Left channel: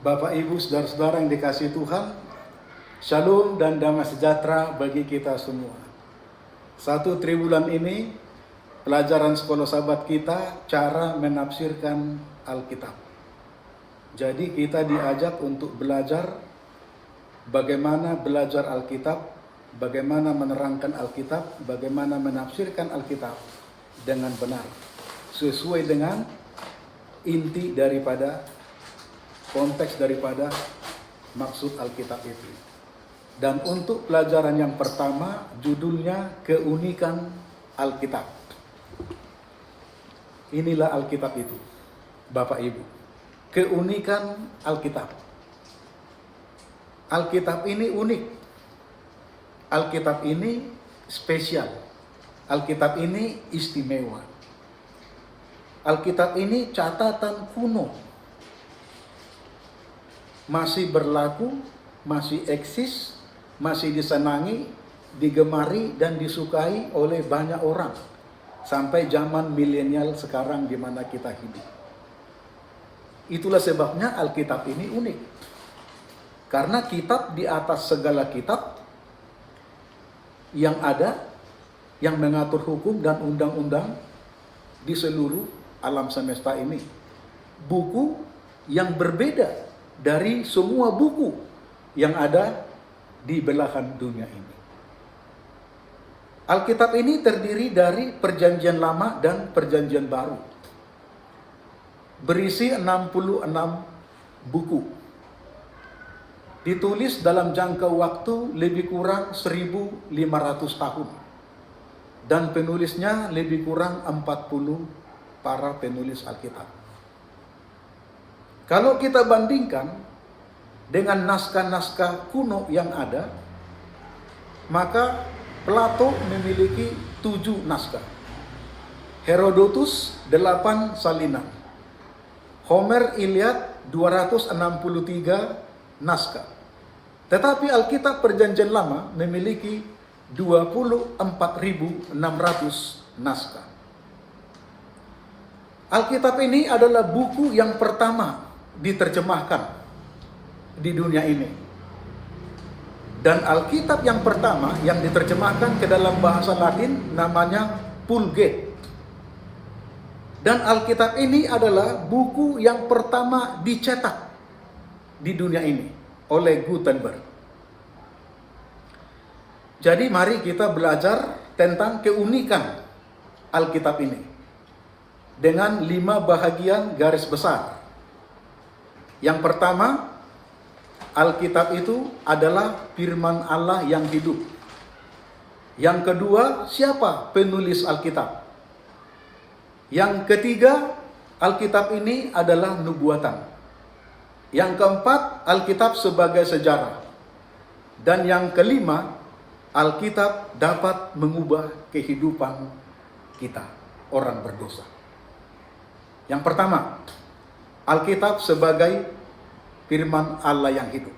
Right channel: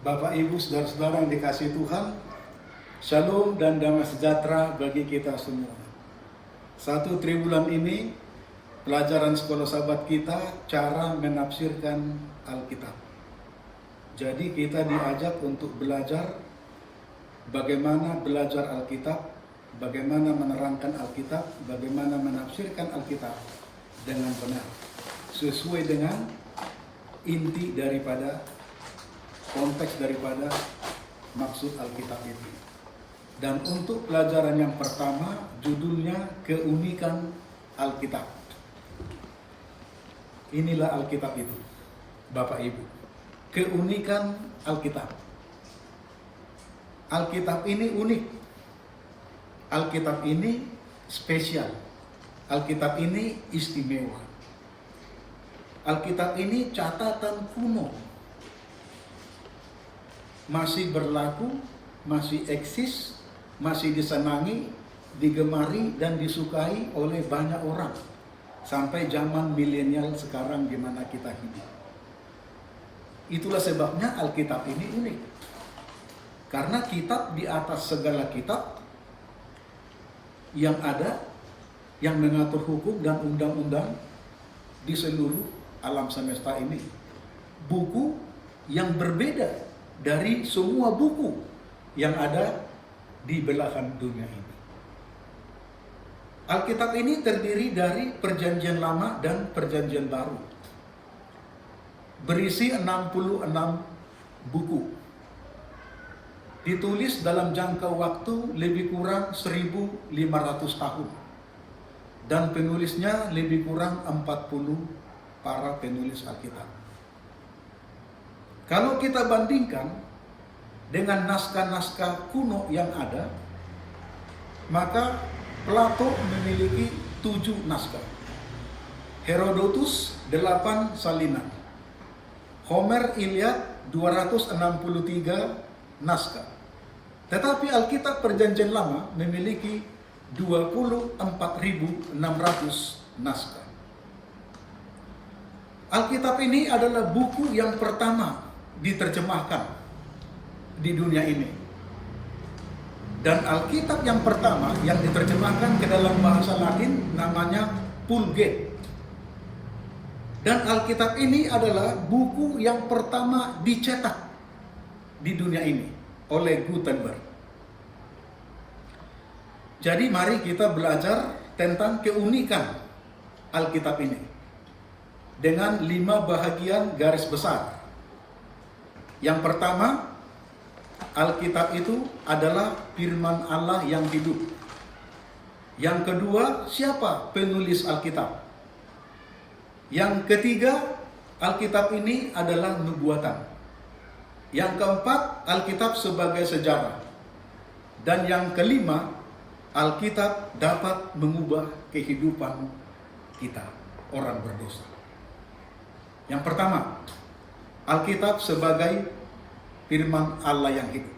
Bapak, Ibu, saudara-saudara yang dikasihi Tuhan, Shalom dan damai sejahtera bagi kita semua. 1 triwulan ini, pelajaran sekolah sahabat kita, cara menafsirkan Alkitab. Jadi kita diajak untuk belajar bagaimana belajar Alkitab, bagaimana menerangkan Alkitab, bagaimana menafsirkan Alkitab dengan benar, sesuai dengan inti daripada konteks daripada maksud Alkitab itu. Dan untuk pelajaran yang pertama, judulnya keunikan Alkitab. Inilah Alkitab itu, Bapak Ibu. Keunikan Alkitab. Alkitab ini unik. Alkitab ini spesial. Alkitab ini istimewa. Alkitab ini catatan kuno. Masih berlaku, masih eksis, masih disenangi, digemari, dan disukai oleh banyak orang. Sampai zaman milenial sekarang di mana kita hidup. Itulah sebabnya Alkitab ini unik. Karena kitab di atas segala kitab yang ada, yang mengatur hukum dan undang-undang di seluruh alam semesta ini. Buku yang berbeda dari semua buku yang ada di belahan dunia ini. Alkitab ini terdiri dari Perjanjian Lama dan Perjanjian Baru. Berisi 66 buku. Ditulis dalam jangka waktu lebih kurang 1.500 tahun. Dan penulisnya lebih kurang 40 para penulis Alkitab. Kalau kita bandingkan dengan naskah-naskah kuno yang ada, maka Plato memiliki 7 naskah. Herodotus 8 salinan. Homer Iliad 263 naskah. Tetapi Alkitab Perjanjian Lama memiliki 24.600 naskah. Alkitab ini adalah buku yang pertama diterjemahkan di dunia ini. Dan Alkitab yang pertama yang diterjemahkan ke dalam bahasa Latin namanya Vulgate. Dan Alkitab ini adalah buku yang pertama dicetak di dunia ini oleh Gutenberg. Jadi mari kita belajar tentang keunikan Alkitab ini dengan 5 bahagian garis besar. Yang pertama, Alkitab itu adalah firman Allah yang hidup. Yang kedua, siapa penulis Alkitab? Yang ketiga, Alkitab ini adalah nubuatan. Yang keempat, Alkitab sebagai sejarah. Dan yang kelima, Alkitab dapat mengubah kehidupan kita, orang berdosa. Yang pertama, Alkitab sebagai firman Allah yang hidup.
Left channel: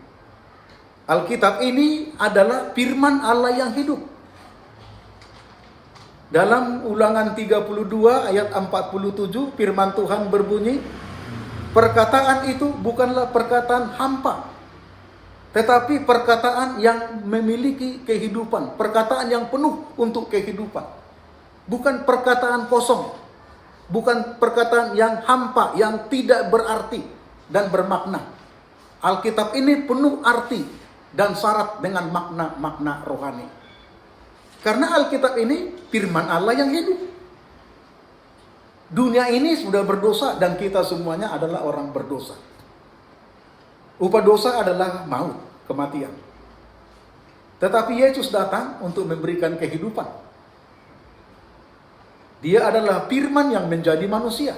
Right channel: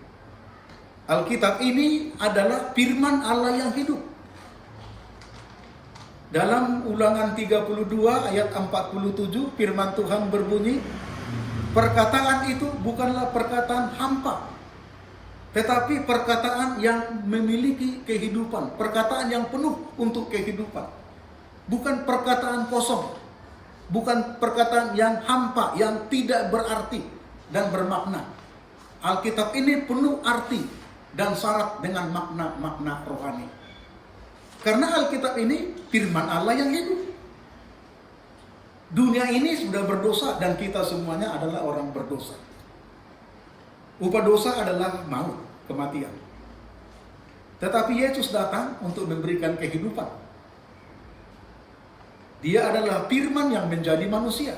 Alkitab ini adalah firman Allah yang hidup. Dalam Ulangan 32 ayat 47 firman Tuhan berbunyi, perkataan itu bukanlah perkataan hampa, tetapi perkataan yang memiliki kehidupan, perkataan yang penuh untuk kehidupan. Bukan perkataan kosong, bukan perkataan yang hampa, yang tidak berarti dan bermakna. Alkitab ini penuh arti dan syarat dengan makna-makna rohani. Karena Alkitab ini firman Allah yang hidup. Dunia ini sudah berdosa dan kita semuanya adalah orang berdosa. Upah dosa adalah maut, kematian. Tetapi Yesus datang untuk memberikan kehidupan. Dia adalah firman yang menjadi manusia.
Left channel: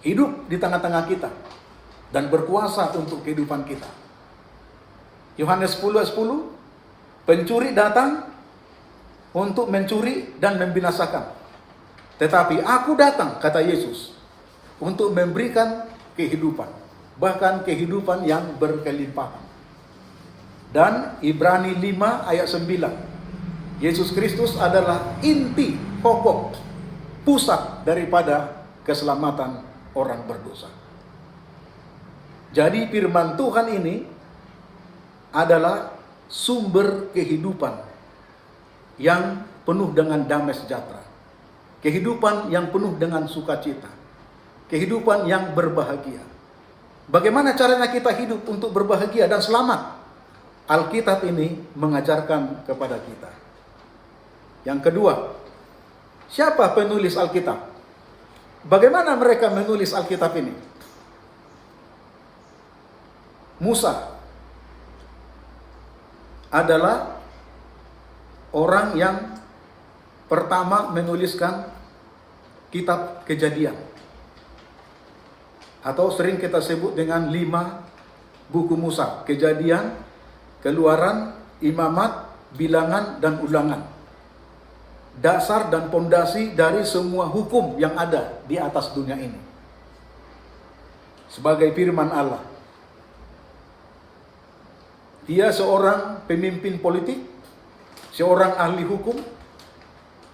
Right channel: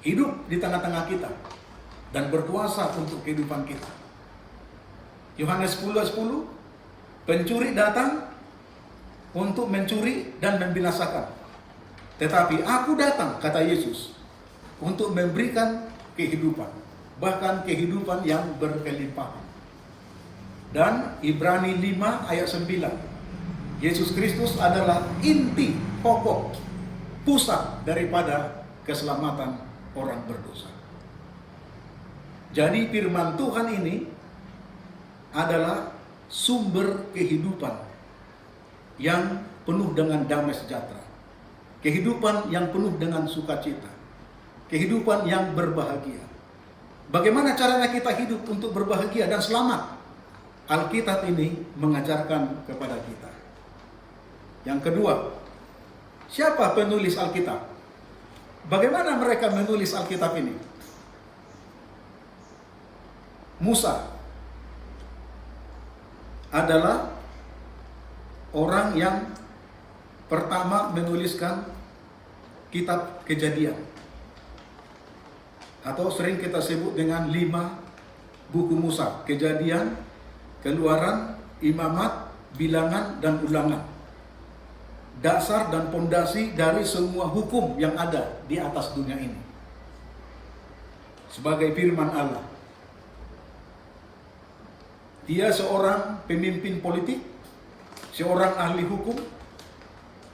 Hidup di tengah-tengah kita dan berkuasa untuk kehidupan kita. Yohanes 10:10, pencuri datang untuk mencuri dan membinasakan. Tetapi aku datang, kata Yesus, untuk memberikan kehidupan, bahkan kehidupan yang berkelimpahan. Dan Ibrani 5 ayat 9, Yesus Kristus adalah inti, pokok, pusat daripada keselamatan orang berdosa. Jadi firman Tuhan ini adalah sumber kehidupan yang penuh dengan damai sejahtera. Kehidupan yang penuh dengan sukacita. Kehidupan yang berbahagia. Bagaimana caranya kita hidup untuk berbahagia dan selamat? Alkitab ini mengajarkan kepada kita. Yang kedua, siapa penulis Alkitab? Bagaimana mereka menulis Alkitab ini? Musa adalah orang yang pertama menuliskan kitab Kejadian, atau sering kita sebut dengan 5 buku Musa: Kejadian, Keluaran, Imamat, Bilangan, dan Ulangan. Dasar dan pondasi dari semua hukum yang ada di atas dunia ini. Sebagai firman Allah. Dia seorang pemimpin politik, seorang ahli hukum,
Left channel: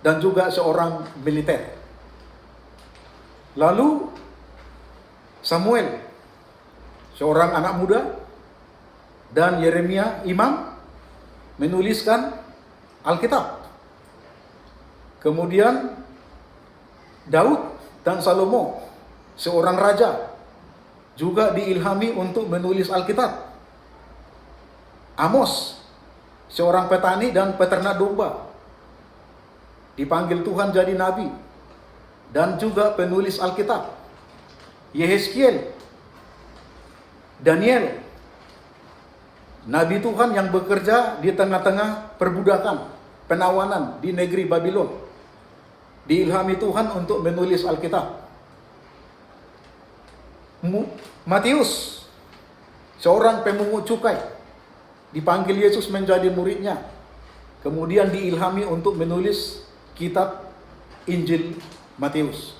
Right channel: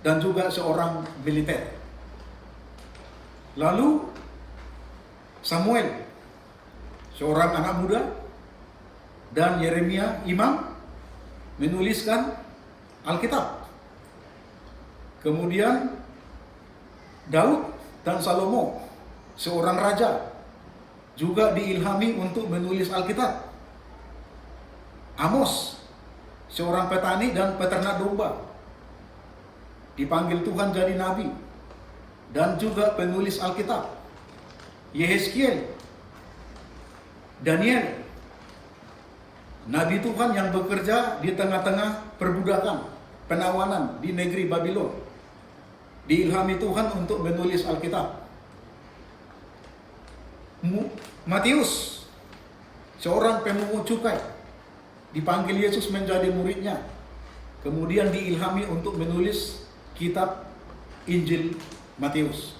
dan juga seorang militer. Lalu Samuel, seorang anak muda, dan Yeremia, imam, menuliskan Alkitab. Kemudian Daud dan Salomo, seorang raja, juga diilhami untuk menulis Alkitab. Amos, seorang petani dan peternak domba, dipanggil Tuhan jadi nabi dan juga penulis Alkitab. Yehezkiel, Daniel, nabi Tuhan yang bekerja di tengah-tengah perbudakan, penawanan di negeri Babylon, diilhami Tuhan untuk menulis Alkitab. Matius, seorang pemungut cukai, dipanggil Yesus menjadi muridnya, kemudian diilhami untuk menulis kitab Injil Matius.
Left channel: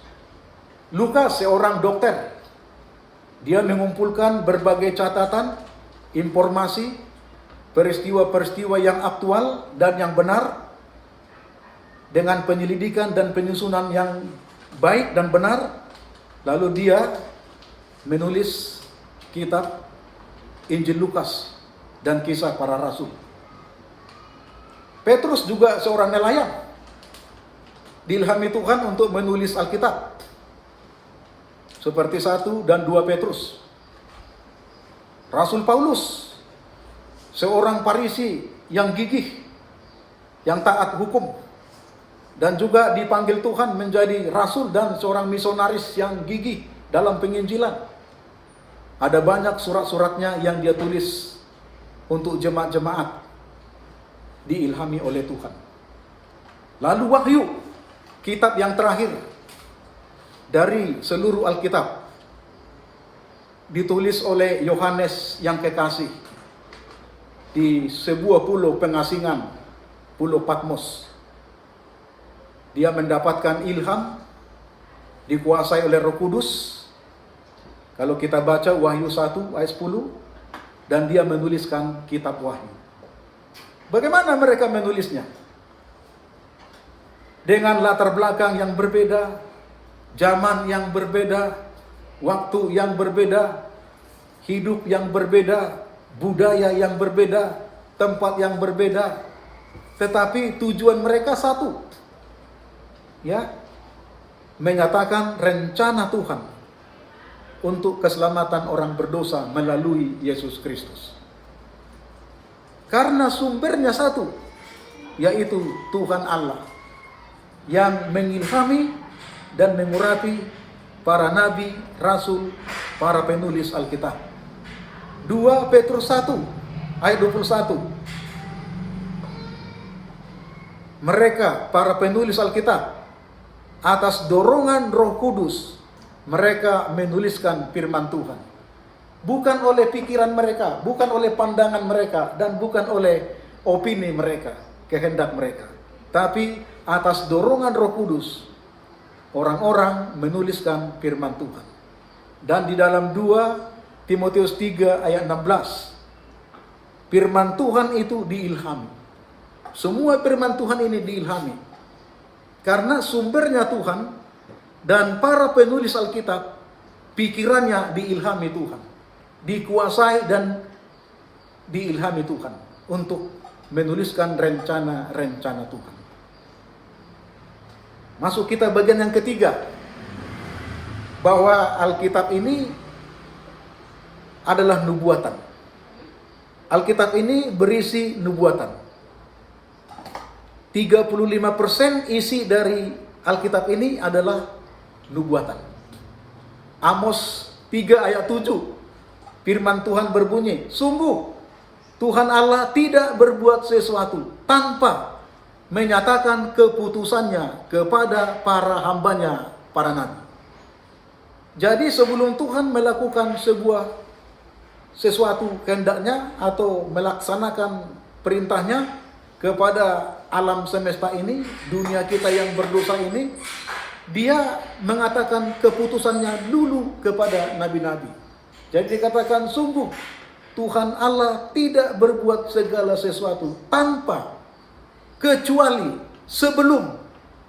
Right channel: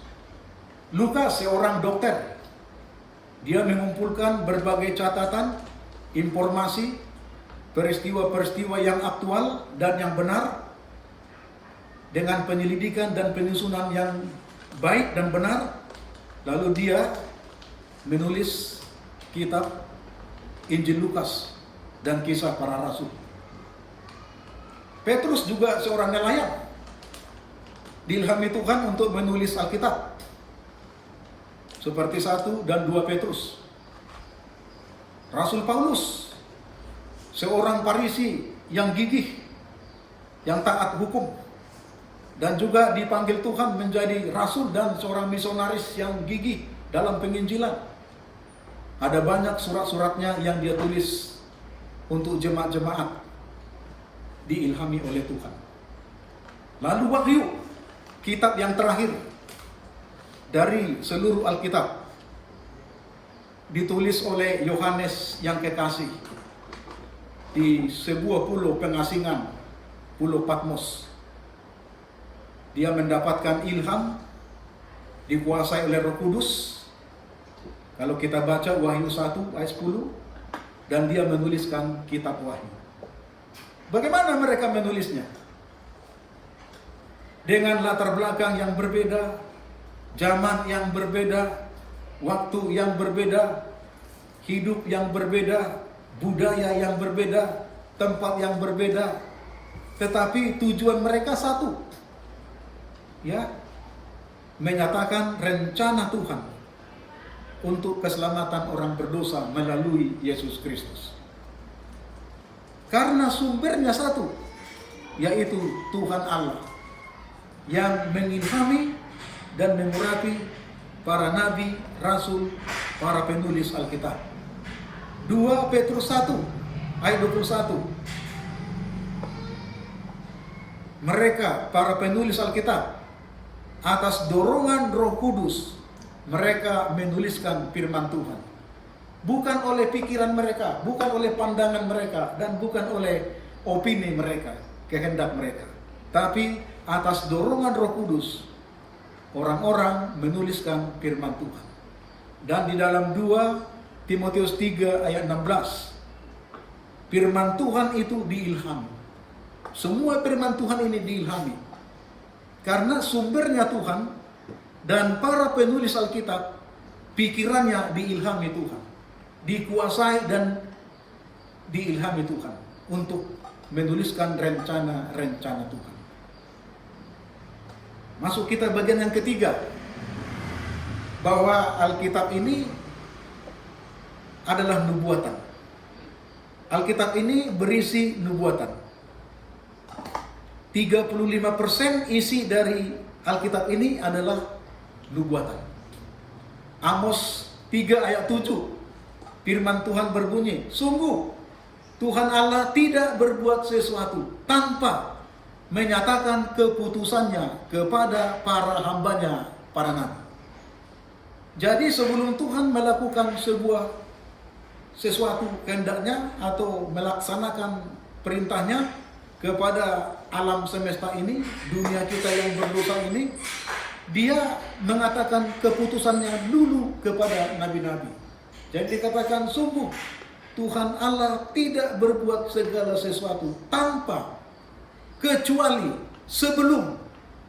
Lukas, seorang dokter, dia mengumpulkan berbagai catatan, informasi, peristiwa-peristiwa yang aktual dan yang benar, dengan penyelidikan dan penyusunan yang baik dan benar. Lalu dia menulis kitab Injil Lukas dan Kisah Para Rasul. Petrus juga seorang nelayan, diilhami Tuhan untuk menulis Alkitab, seperti 1 dan 2 Petrus. Rasul Paulus, seorang Farisi yang gigih, yang taat hukum, dan juga dipanggil Tuhan menjadi rasul dan seorang misionaris yang gigih dalam penginjilan. Ada banyak surat-suratnya yang dia tulis untuk jemaat-jemaat, diilhami oleh Tuhan. Lalu Wahyu, kitab yang terakhir dari seluruh Alkitab, ditulis oleh Yohanes yang kekasih di sebuah pulau pengasingan, Pulau Patmos. Dia mendapatkan ilham, dikuasai oleh Roh Kudus. Kalau kita baca Wahyu 1 ayat 10, dan dia menuliskan kitab Wahyu. Bagaimana mereka menulisnya? Dengan latar belakang yang berbeda, zaman yang berbeda, waktu yang berbeda, hidup yang berbeda, budaya yang berbeda, tempat yang berbeda, tetapi tujuan mereka satu, ya, menyatakan rencana Tuhan untuk keselamatan orang berdosa melalui Yesus Kristus. Karena sumbernya satu, yaitu Tuhan Allah yang mengilhami dan mengurapi para nabi, rasul, para penulis Alkitab. 2 Petrus 1 ayat 21. Mereka, para penulis Alkitab, atas dorongan Roh Kudus, mereka menuliskan firman Tuhan. Bukan oleh pikiran mereka, bukan oleh pandangan mereka, dan bukan oleh opini mereka, kehendak mereka. Tapi atas dorongan Roh Kudus, orang-orang menuliskan firman Tuhan. Dan di dalam 2 Timotius 3 ayat 16, firman Tuhan itu diilhami. Semua firman Tuhan ini diilhami. Karena sumbernya Tuhan, dan para penulis Alkitab, pikirannya diilhami Tuhan. dikuasai dan diilhami Tuhan untuk menuliskan rencana-rencana Tuhan. Masuk kita bagian yang ketiga, bahwa Alkitab ini adalah nubuatan. Alkitab ini berisi nubuatan. 35% isi dari Alkitab ini adalah nubuatan. Amos 3 ayat 7, firman Tuhan berbunyi, sungguh Tuhan Allah tidak berbuat sesuatu tanpa menyatakan keputusannya kepada para hambanya, para nabi. Jadi sebelum Tuhan melakukan sesuatu kehendaknya atau melaksanakan perintahnya kepada alam semesta ini, dunia kita yang berdosa ini, dia mengatakan keputusannya dulu kepada nabi-nabi. Jadi dikatakan sungguh Tuhan Allah tidak berbuat segala sesuatu tanpa kecuali sebelum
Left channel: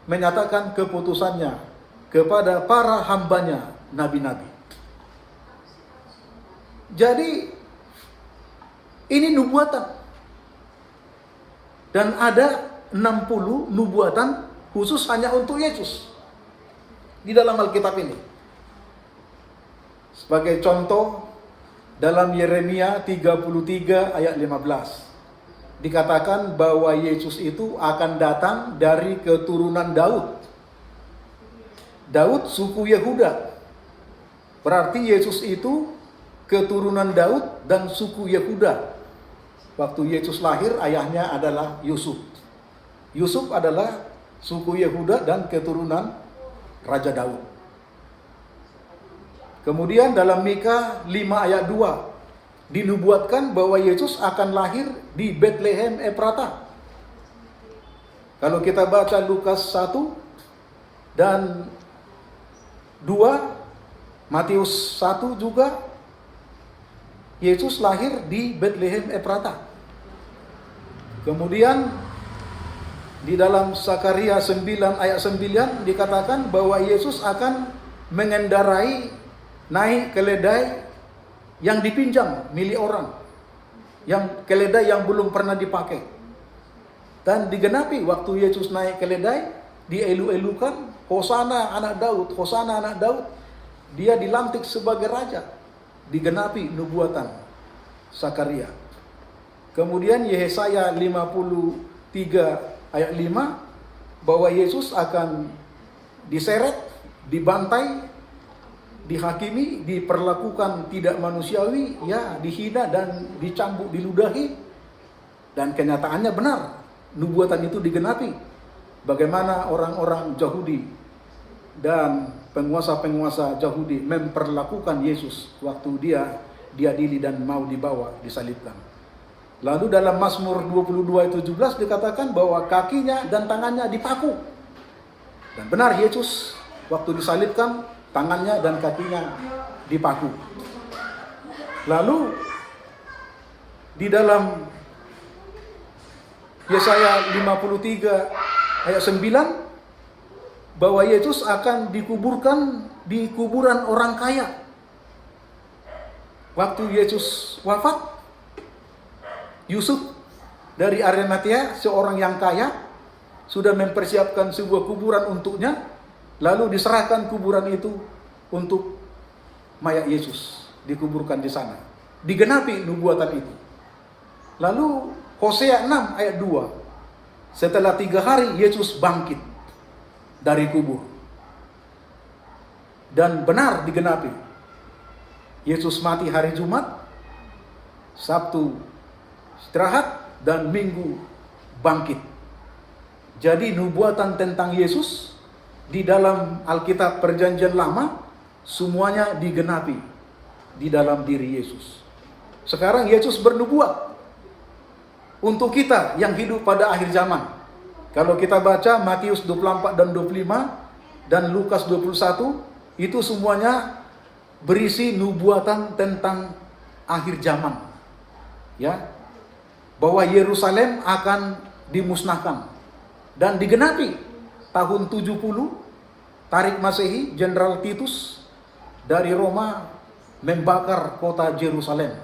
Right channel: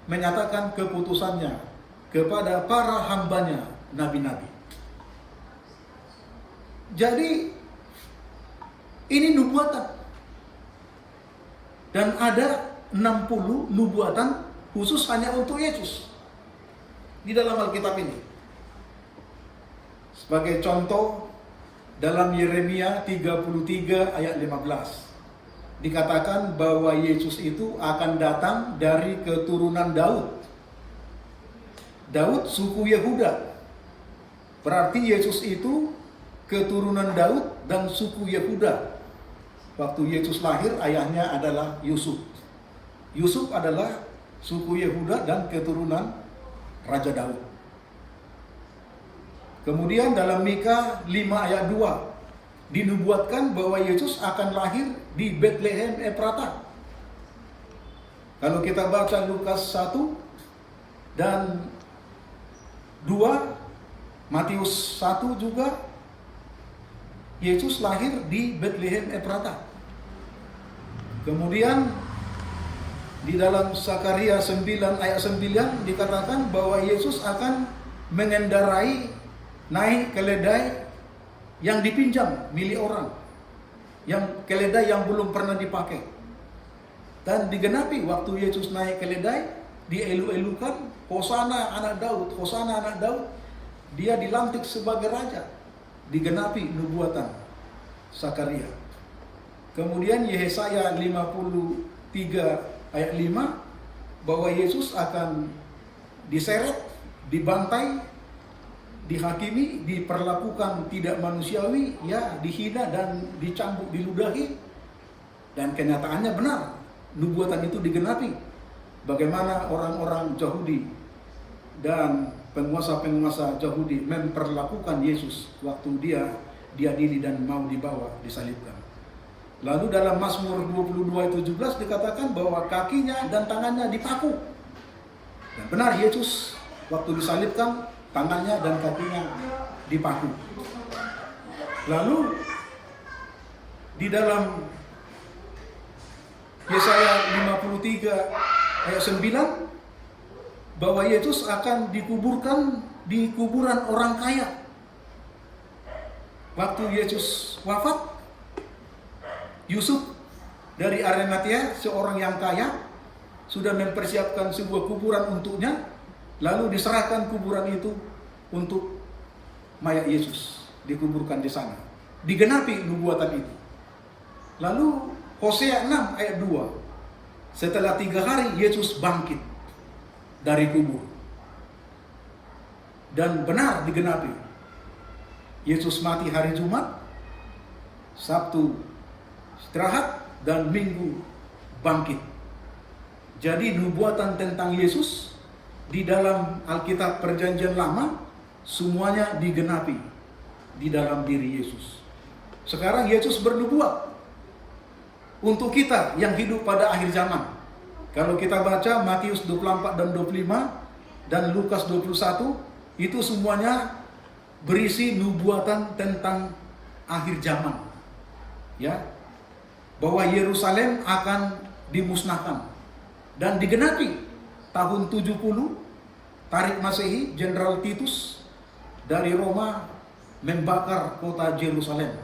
menyatakan keputusannya kepada para hambanya, nabi-nabi. Jadi ini nubuatan. Dan ada 60 nubuatan khusus hanya untuk Yesus di dalam Alkitab ini. Sebagai contoh, dalam Yeremia 33 ayat 15 dikatakan bahwa Yesus itu akan datang dari keturunan Daud. Daud suku Yehuda. Berarti Yesus itu keturunan Daud dan suku Yehuda. Waktu Yesus lahir, ayahnya adalah Yusuf. Yusuf adalah suku Yehuda dan keturunan Raja Daud. Kemudian dalam Mika 5 ayat 2 dinubuatkan bahwa Yesus akan lahir di Bethlehem Efrata. Kalau kita baca Lukas 1 dan 2, Matius 1 juga, Yesus lahir di Bethlehem Efrata. Kemudian di dalam Zakaria 9 ayat 9 dikatakan bahwa Yesus akan mengendarai naik keledai yang dipinjam milik orang, yang keledai yang belum pernah dipakai. Dan digenapi waktu Yesus naik keledai, dielu-elukan, Hosana anak Daud, Hosana anak Daud. Dia dilantik sebagai raja. Digenapi nubuatan Zakaria. Kemudian Yesaya 53 ayat 5 bahwa Yesus akan diseret, dibantai, dihakimi, diperlakukan tidak manusiawi, ya dihina dan dicambuk, diludahi. Dan kenyataannya benar, nubuatan itu digenapi. Bagaimana orang-orang Yahudi dan penguasa-penguasa Yahudi memperlakukan Yesus waktu dia diadili dan mau dibawa disalibkan. Lalu dalam Mazmur 22:17 dikatakan bahwa kakinya dan tangannya dipaku. Dan benar, Yesus waktu disalibkan tangannya dan kakinya dipaku. Lalu di dalam Yesaya 53 ayat 9 bahwa Yesus akan dikuburkan di kuburan orang kaya. Waktu Yesus wafat, Yusuf dari Arimatea, seorang yang kaya, sudah mempersiapkan sebuah kuburan untuknya, lalu diserahkan kuburan itu untuk mayat Yesus, dikuburkan di sana. Digenapi nubuatan itu. Lalu Hosea 6 ayat 2, setelah 3 hari Yesus bangkit dari kubur. Dan benar digenapi. Yesus mati hari Jumat, Sabtu istirahat, dan Minggu bangkit. Jadi nubuatan tentang Yesus di dalam Alkitab Perjanjian Lama semuanya digenapi di dalam diri Yesus. Sekarang Yesus bernubuat untuk kita yang hidup pada akhir zaman. Kalau kita baca Matius 24 dan 25 dan Lukas 21, itu semuanya berisi nubuatan tentang akhir zaman. Ya, bahwa Yerusalem akan dimusnahkan dan digenapi tahun 70 Tarik Masehi, Jenderal Titus dari Roma membakar kota Yerusalem.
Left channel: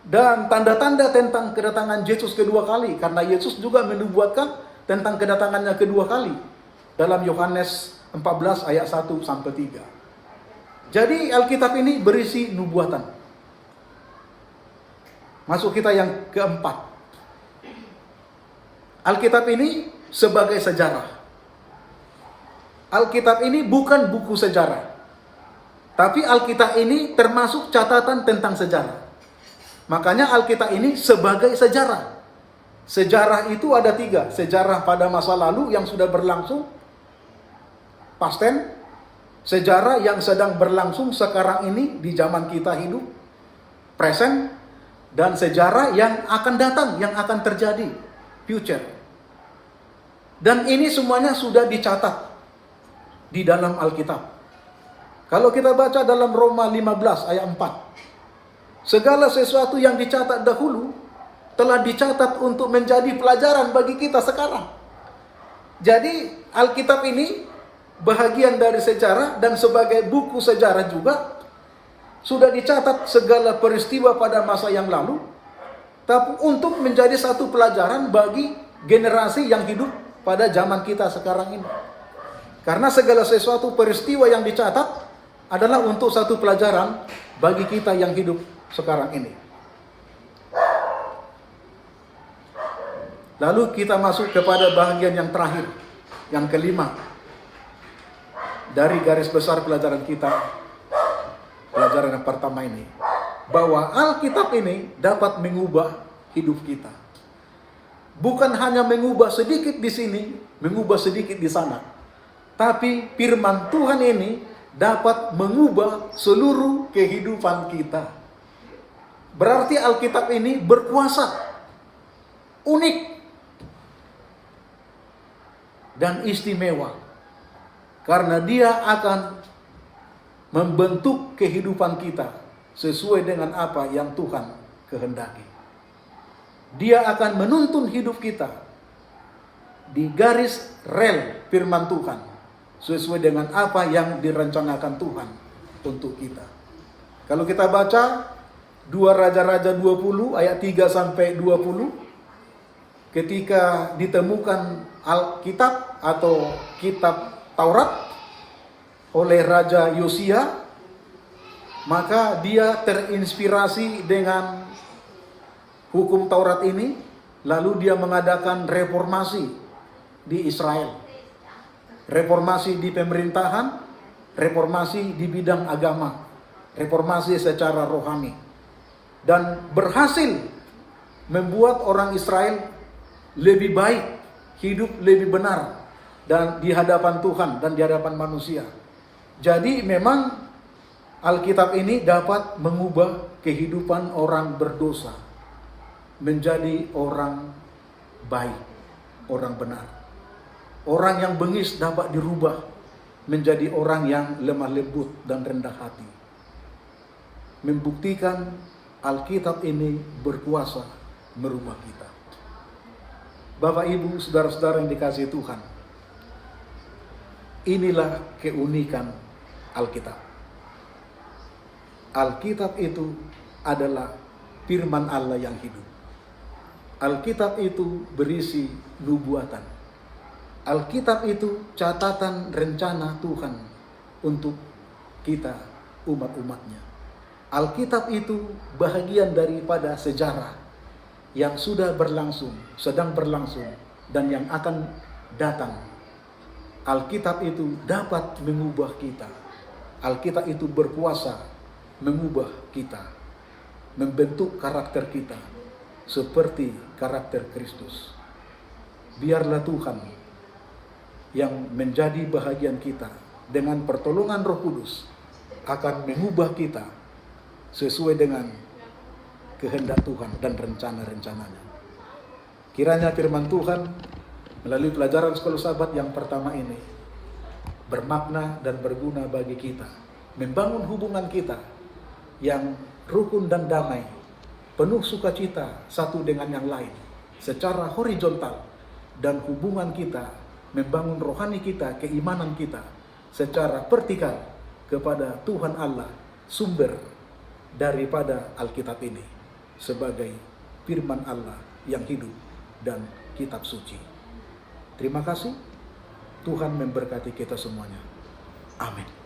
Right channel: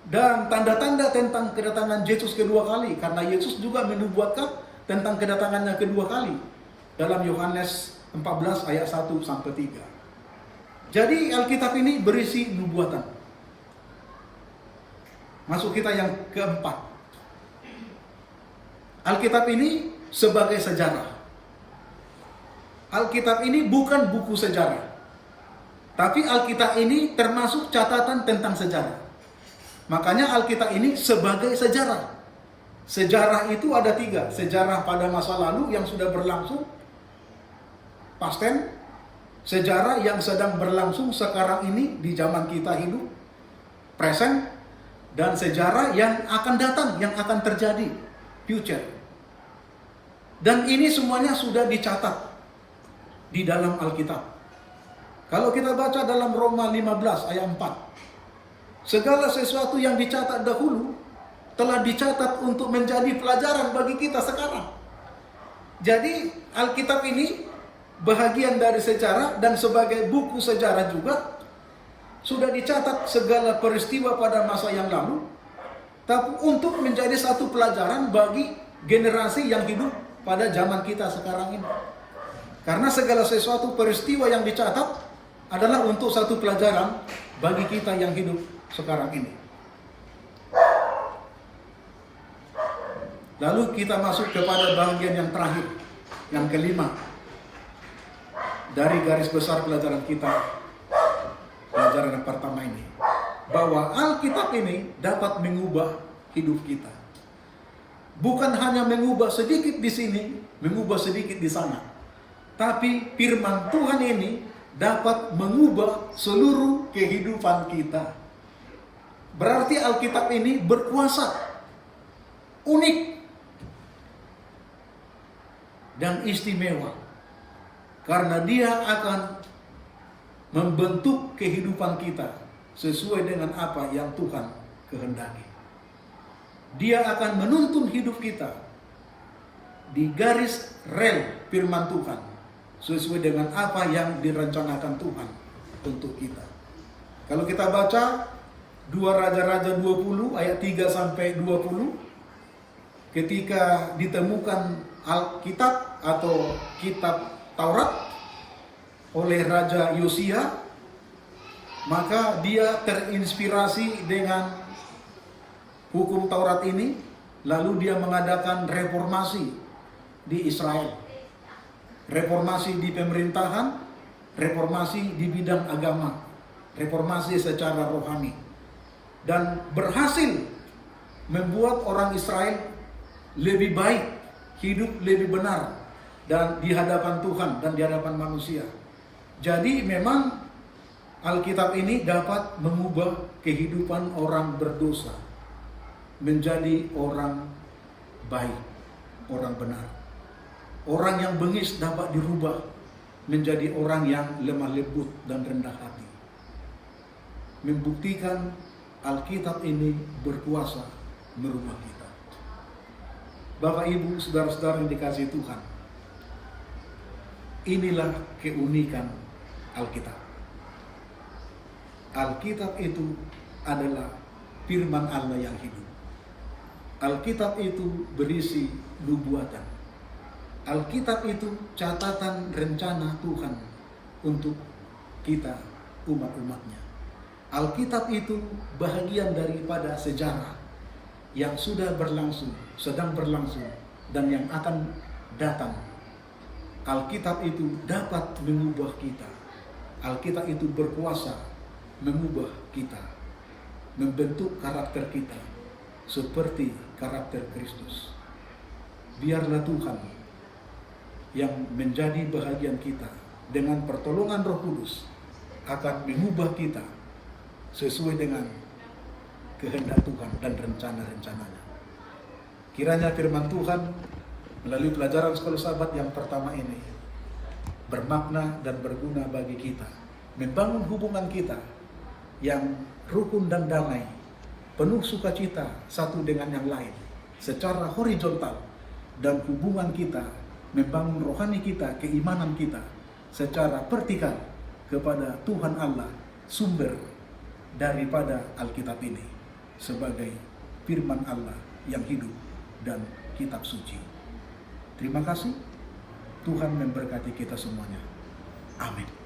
Dan tanda-tanda tentang kedatangan Yesus kedua kali, karena Yesus juga menubuatkan tentang kedatangannya kedua kali dalam Yohanes 14 ayat 1 sampai 3. Jadi Alkitab ini berisi nubuatan. Masuk kita yang keempat. Alkitab ini sebagai sejarah. Alkitab ini bukan buku sejarah, tapi Alkitab ini termasuk catatan tentang sejarah. Makanya Alkitab ini sebagai sejarah. Sejarah itu ada 3. Sejarah pada masa lalu yang sudah berlangsung, past tense. Sejarah yang sedang berlangsung sekarang ini di zaman kita hidup, present. Dan sejarah yang akan datang, yang akan terjadi, future. Dan ini semuanya sudah dicatat di dalam Alkitab. Kalau kita baca dalam Roma 15 ayat 4. Segala sesuatu yang dicatat dahulu telah dicatat untuk menjadi pelajaran bagi kita sekarang. Jadi Alkitab ini bahagian dari sejarah dan sebagai buku sejarah juga sudah dicatat segala peristiwa pada masa yang lalu, tapi untuk menjadi satu pelajaran bagi generasi yang hidup pada zaman kita sekarang ini. Karena segala sesuatu peristiwa yang dicatat adalah untuk satu pelajaran bagi kita yang hidup sekarang ini. Lalu kita masuk kepada bagian yang terakhir, yang kelima dari garis besar pelajaran kita, pelajaran yang pertama ini, bahwa Alkitab ini dapat mengubah hidup kita. Bukan hanya mengubah sedikit di sini, mengubah sedikit di sana, tapi firman Tuhan ini dapat mengubah seluruh kehidupan kita. Berarti Alkitab ini berkuasa, unik, dan istimewa. Karena dia akan membentuk kehidupan kita sesuai dengan apa yang Tuhan kehendaki. Dia akan menuntun hidup kita di garis rel firman Tuhan sesuai dengan apa yang direncanakan Tuhan untuk kita. Kalau kita baca 2 Raja-Raja 20 ayat 3 sampai 20, ketika ditemukan Alkitab atau kitab Taurat oleh Raja Yosia, maka dia terinspirasi dengan hukum Taurat ini, lalu dia mengadakan reformasi di Israel. Reformasi di pemerintahan, reformasi di bidang agama, reformasi secara rohani. Dan berhasil membuat orang Israel lebih baik, hidup lebih benar dan di hadapan Tuhan dan di hadapan manusia. Jadi memang Alkitab ini dapat mengubah kehidupan orang berdosa menjadi orang baik, orang benar. Orang yang bengis dapat dirubah menjadi orang yang lemah lembut dan rendah hati. Membuktikan Alkitab ini berkuasa merubah kita. Bapak, Ibu, saudara-saudara yang dikasihi Tuhan, inilah keunikan Alkitab. Alkitab itu adalah firman Allah yang hidup. Alkitab itu berisi nubuatan. Alkitab itu catatan rencana Tuhan untuk kita, umat-umatnya. Alkitab itu bahagian daripada sejarah yang sudah berlangsung, sedang berlangsung, dan yang akan datang. Alkitab itu dapat mengubah kita. Alkitab itu berkuasa mengubah kita, membentuk karakter kita seperti karakter Kristus. Biarlah Tuhan yang menjadi bahagian kita dengan pertolongan Roh Kudus akan mengubah kita sesuai dengan kehendak Tuhan dan rencana-rencananya. Kiranya firman Tuhan melalui pelajaran Sekolah Sabat yang pertama ini bermakna dan berguna bagi kita, membangun hubungan kita yang rukun dan damai, penuh sukacita satu dengan yang lain secara horizontal, dan hubungan kita membangun rohani kita, keimanan kita secara vertikal kepada Tuhan Allah sumber daripada Alkitab ini sebagai firman Allah yang hidup dan kitab suci. Terima kasih. Tuhan memberkati kita semuanya. Amin.